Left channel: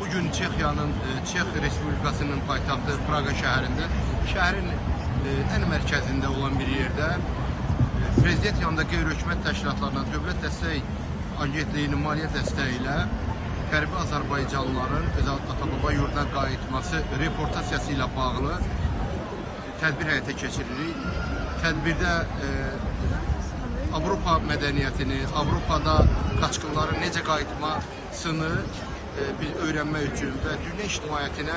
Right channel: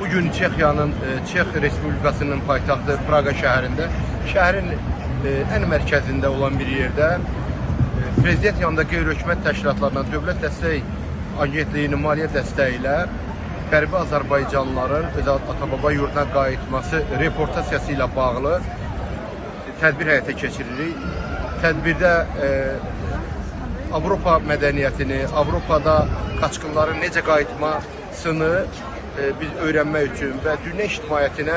Bugün Çex Respublikasının paytaxtı Praqa şəhərində, şəhərin ən mərkəzində olan bir yerdə Prezident yanındakı hökumət təşkilatlarından Dövlət Dəstək Agentliyinin maliyyə dəstəyi ilə Qərbi Azərbaycanlıların öz ata-baba yurduna qayıtması reportasiyası ilə bağlı tədbir həyata keçiririk. Tədbirdə Avropa mədəniyyətini, Avropada qaçqınların necə qayıtmasını biz öyrənmək üçün və dünya ictimaiyyətinə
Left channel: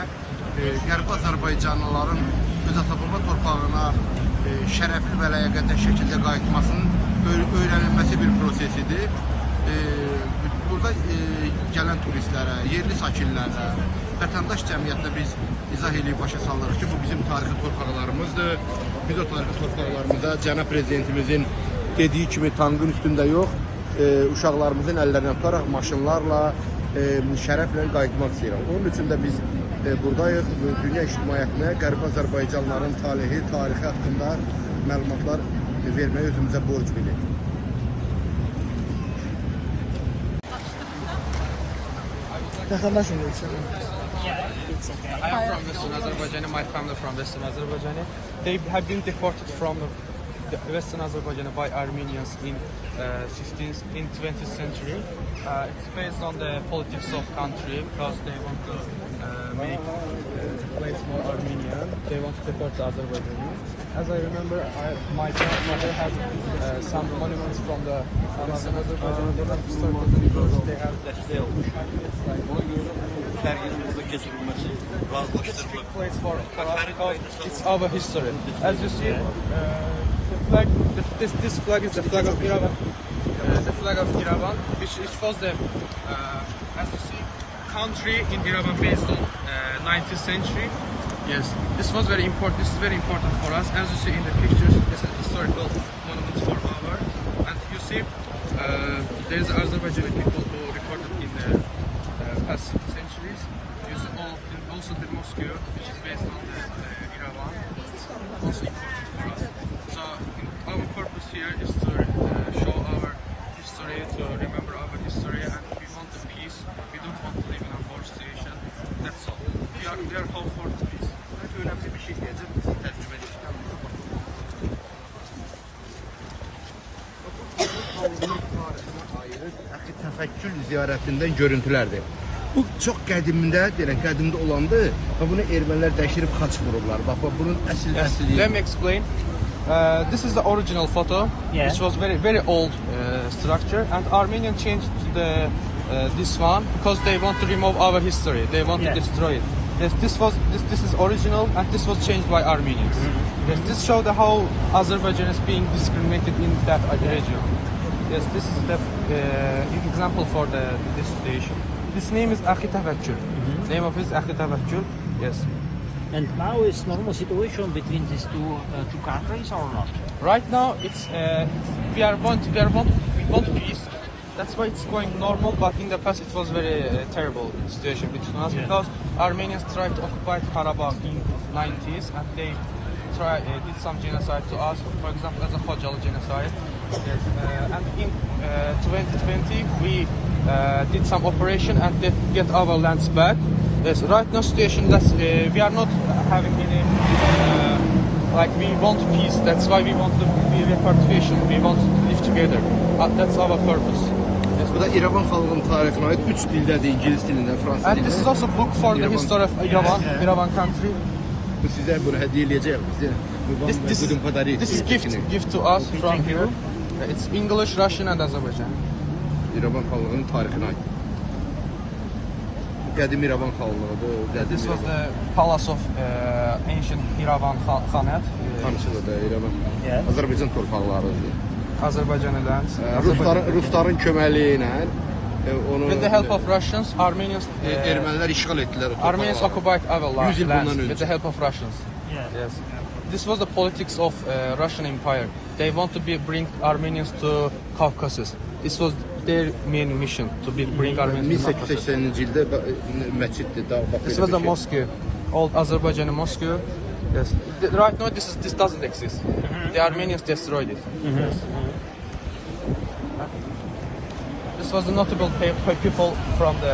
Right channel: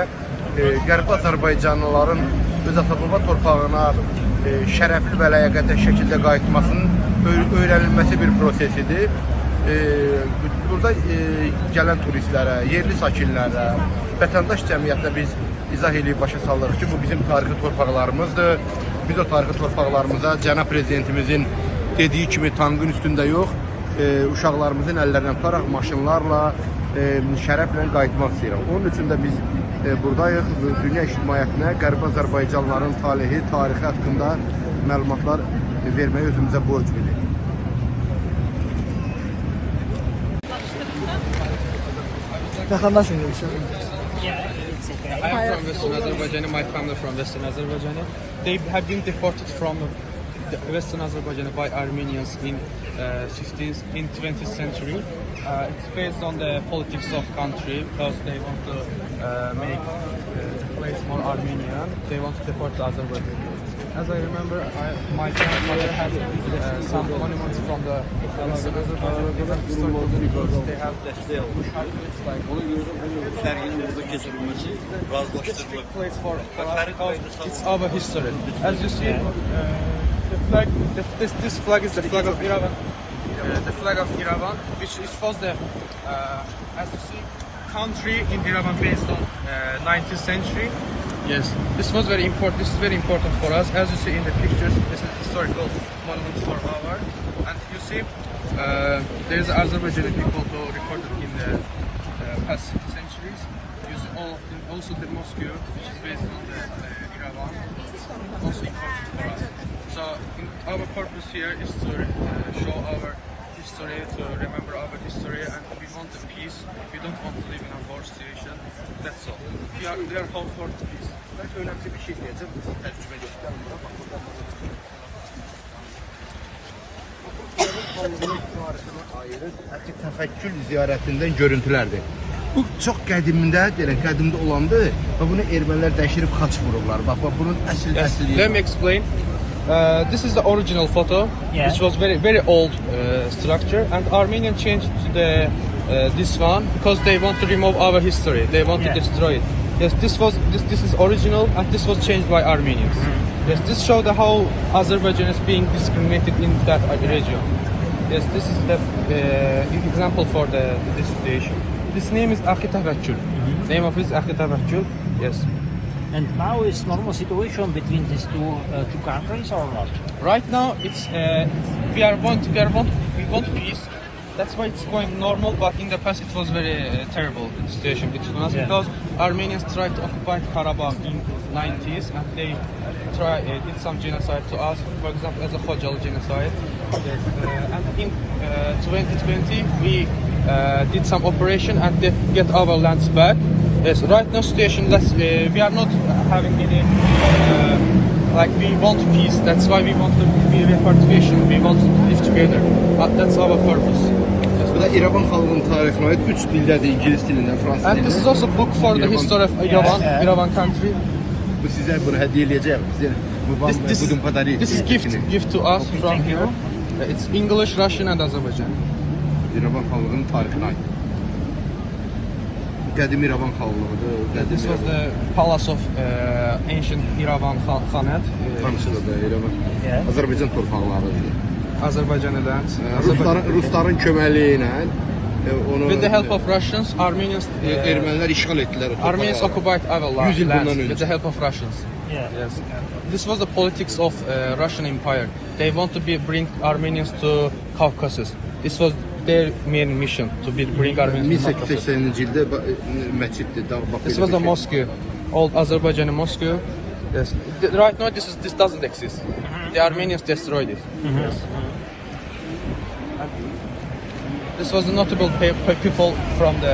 Qərbi Azərbaycanlıların öz ata-baba torpağına şərəfli və ləyaqətli şəkildə qayıtmasının öyrənilməsi bir prosesidir. Burada gələn turistlərə, yerli sakinlərə, vətəndaş cəmiyyətinə biz izah edib başa salırıq ki, bu bizim tarixi torpaqlarımızdır. Biz o tarixi torpaqlarımıza Cənab Prezidentimizin dediyi kimi tankın üstündə yox, uşaqlarımızın əllərindən tutaraq maşınlarla şərəflə qayıtmaq istəyirəm. Onun üçün də biz buradayıq. Dünya ictimaiyyətinə Qərbi Azərbaycanlıların tarixi haqqında məlumatlar verməyə özümüzə borc bilirik. I am from Western Azerbaijan. My family from Western Azerbaijan. They have been deported from Western Azerbaijan by Armenians in 20th century. It's based on the politics of country because they want to make the place more Armenian. They want to deport Azerbaijan. As I remember, my it's our history. As you see, the flag, this flag is the flag of Yerevan. The flag of Yerevan, which shows the, as you see, country in Yerevan based on 19th century. Yes, this was very important. This is very important for us. As you see in the pictures, this is historical monuments for our. And you see, there is Azerbaijani people who recorded in the past centuries. You see all of them. Also the mosque, which is based on the Yerevan, it's also important for us. So our purpose here is to show our history, to remember our history, and we want the peace. We don't want to live in a war situation. That's all. We are home for peace. Belki önemli bir şey diyeceğim, tercüme edeceğim. Təfəkkül ziyarətindən görüntülərdir. Bu çox qədimdə olandı və bunu ermənilər dəşirib xaç vururlar. Bax, bunun əsl. Let me explain. This is the original photo, which was very old structure, and Armenians changed to the this one because they want to remove our history. They want to destroy it. Yes, this is original, and this was changed by Armenians. Yes, this showed how Azerbaijan is being discriminated in that region. Yes, this is the example for this situation. His name is Akhi Tavakkul. Name of his Akhi Tavakkul. Yes. And now is normal situation between these two countries or not? Right now, it's we want peace. That's why it's going normal. But in the past, it was very terrible situation between us because Armenians tried to occupy Karabakh in 90s, and they did some genocide to us. For example, as a Khojalı genocide. Yes. And in 2020, we did some operation and get our lands back. Yes, right now situation that we are not having any like we want peace. That's why we want to be repatriation. We want to live together. That's our purpose. Bu da İrəvan xalqının tarixinə aid 3 dildədir, İngilis dilində, fransız dilində. And this is also book for the history of Yerevan country. Bu sizə bunu hədiyyə eləyəcəyəm. This is gift to us from here. It's English, Russian, and Azerbaijan. İrəvan xalqının tarixinə aid. Qədim İrəvan xalqlığıdır. This was the palace of ancient Yerevan Khanate. Hamısı da İrəvan. Azərbaycan torpaqlarıdır. Azerbaycan'ı dance. Rusların köməliyi ilə onu with the help of Russians, Armenians ermənilər işğal etdilər. Armenians occupied our lands with the help of Russians. Yes. This was the politics of Russian Empire. They want to bring Armenians to Caucasus. This was their main mission to bring Armenians to Caucasus. 1880-ci ildə məsciddir. This was a mosque, old Azerbaijani mosque. Yes. Right now, this doesn't exist. The Armenians destroyed it. Yes. This was the notable people from the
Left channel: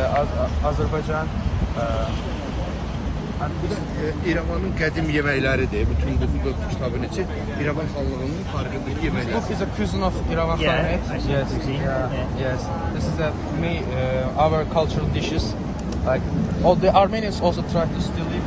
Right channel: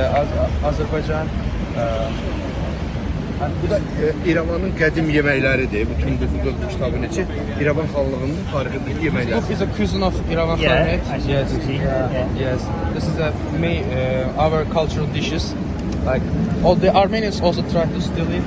Azerbaijan. Bu da İrəvanın qədim yeməkləridir. Bütün bu kitabın içi İrəvan xalqının tarixindəki yeməklər. This is a cuisine of Iran Yeah, planet. I see. Yes. This is our cultural dishes. Like all the Armenians also try to steal it.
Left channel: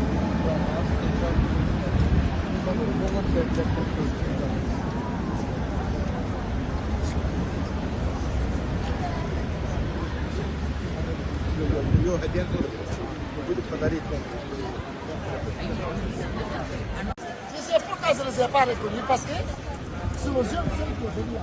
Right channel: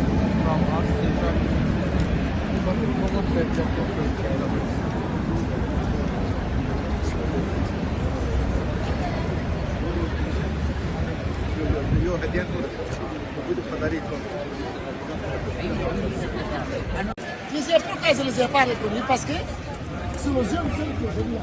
Je sais pourquoi je ne les ai pas reconnus, parce que c'est les jeunes filles qui sont venues là.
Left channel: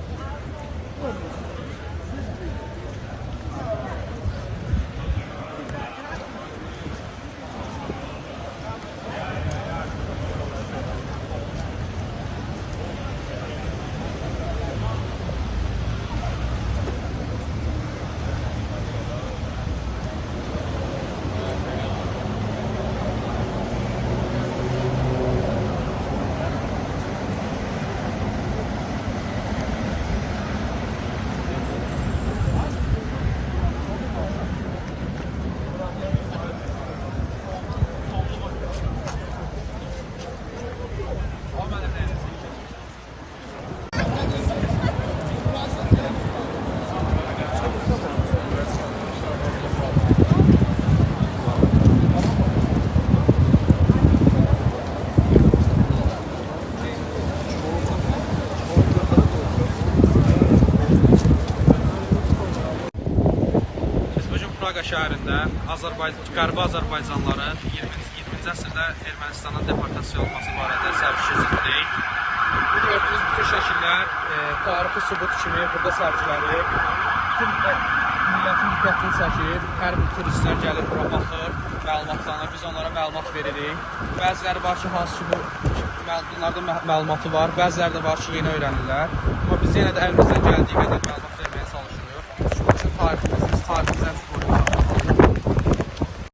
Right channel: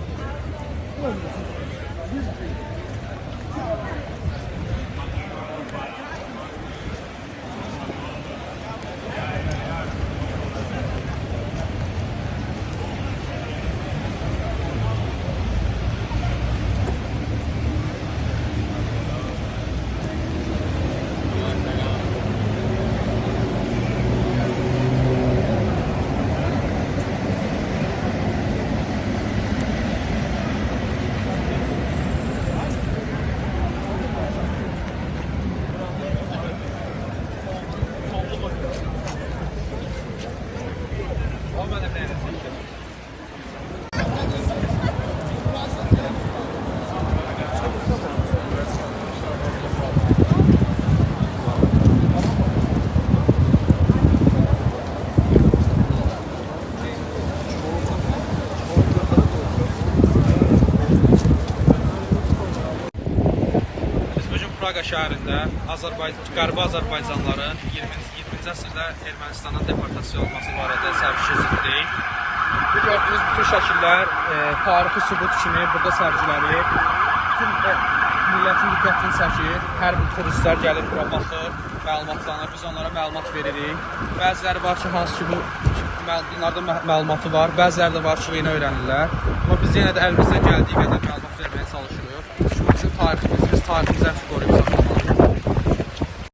Praqa şəhərindən Qərbi Azərbaycanlıların 20-ci əsrdə Ermənistana deportasiya olması barədə sərgilədik. Bu gördüyünüz bütün şəkillər tarixi sübut kimi burada sərgilənir. Bütün millətin diqqətini çəkir. Hər bir turistlər gəlib bura baxır, məlumatlanır, biz onlara məlumat veririk. Bəziləri var ki, hansı ki bu bunlarda məlumatı var, bəziləri də var ki, yeni öyrənirlər. Amma biz yenə də əlimizdən gəldiyi qədər